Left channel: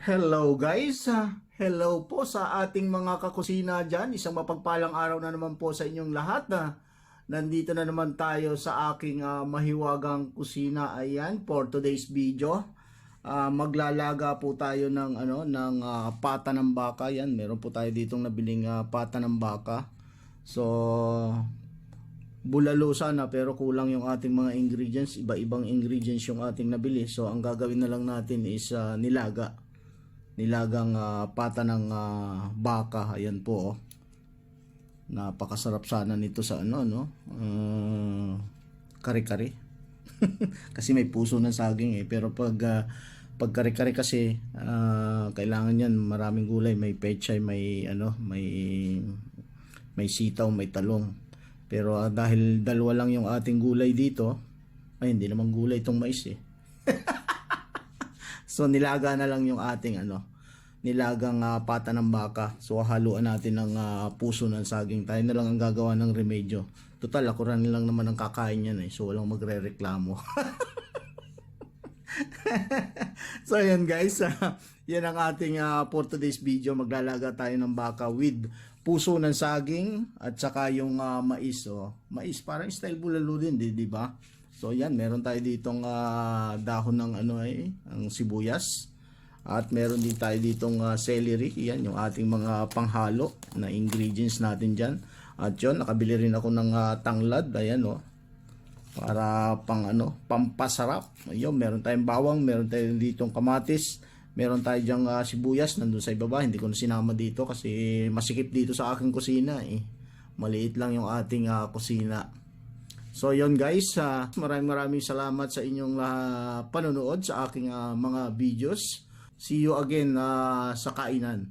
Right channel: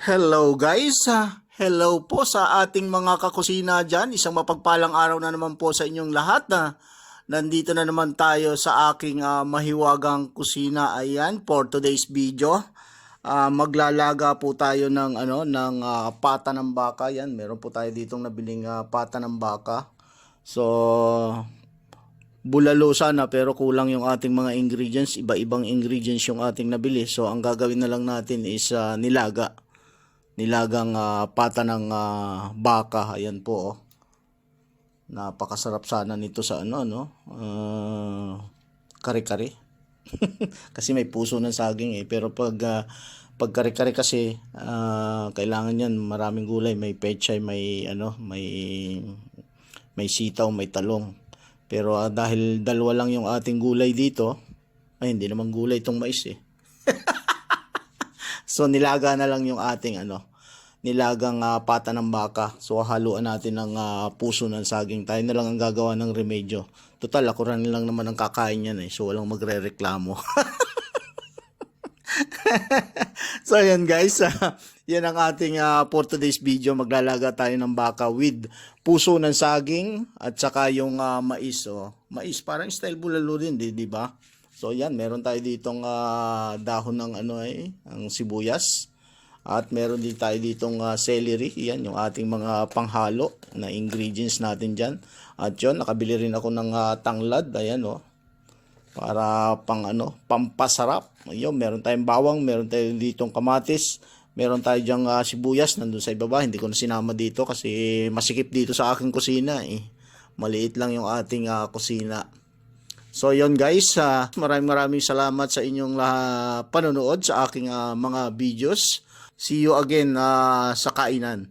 Hello guys, hello po sa ating mga kakusina dyan. Isang mapagpalang araw na naman po sa inyong lahat na nandito na naman tayo sa aking mahiwagang kusina. Ayan, for today's video. Maglalaga po tayo ng pata ng baka. Yan, meron po tayo ditong nabiling pata ng baka. So, bulalo sana pero kulang yung ating mga ingredients. Iba-ibang ingredients yung ating nabili. So, ang gagawin na lang natin is nilagang pata ng baka. Ayan po, oh. Napakasarap sana nito sa kare-kare. Kasi may puso ng saging pero pag kare-kare kasi kailangan yan maraming gulay, may pechay, may sitaw, may talong. Pero dahil dalawa lang yung ating gulay dito, ay hindi naman gulay itong mais eh. So nilaga na lang yung ating nilagang pata ng baka. So haluan natin ng puso ng saging. Tayo na lang ang gagawa ng remedyo. Total ako rin lang naman ang kakain yan eh. So walang magrereklamo. So ayan guys, yan ang ating for today's video. Maglalaga tayo ng baka with puso ng saging at saka yung mais. So, mais parang style bulalo din, di ba? So yan, meron tayo ditong dahon ng ang sibuyas. At meron din tayo ditong celery. Yan yung ating mga panghalo na ingredients natin dyan. At yun, nakabili rin ako ng tanglad. Ayan para pampasarap. Ayun, meron tayong bawang, meron tayong ditong kamatis. Meron tayo dyang sibuyas nandun sa ibaba. Hindi ko na sinama dito kasi masikip dito sa aking kusina eh. Maliit lang yung ating kusina. So yun guys, maraming salamat sa inyong panonood sa aking mga videos. See you again sa kainan.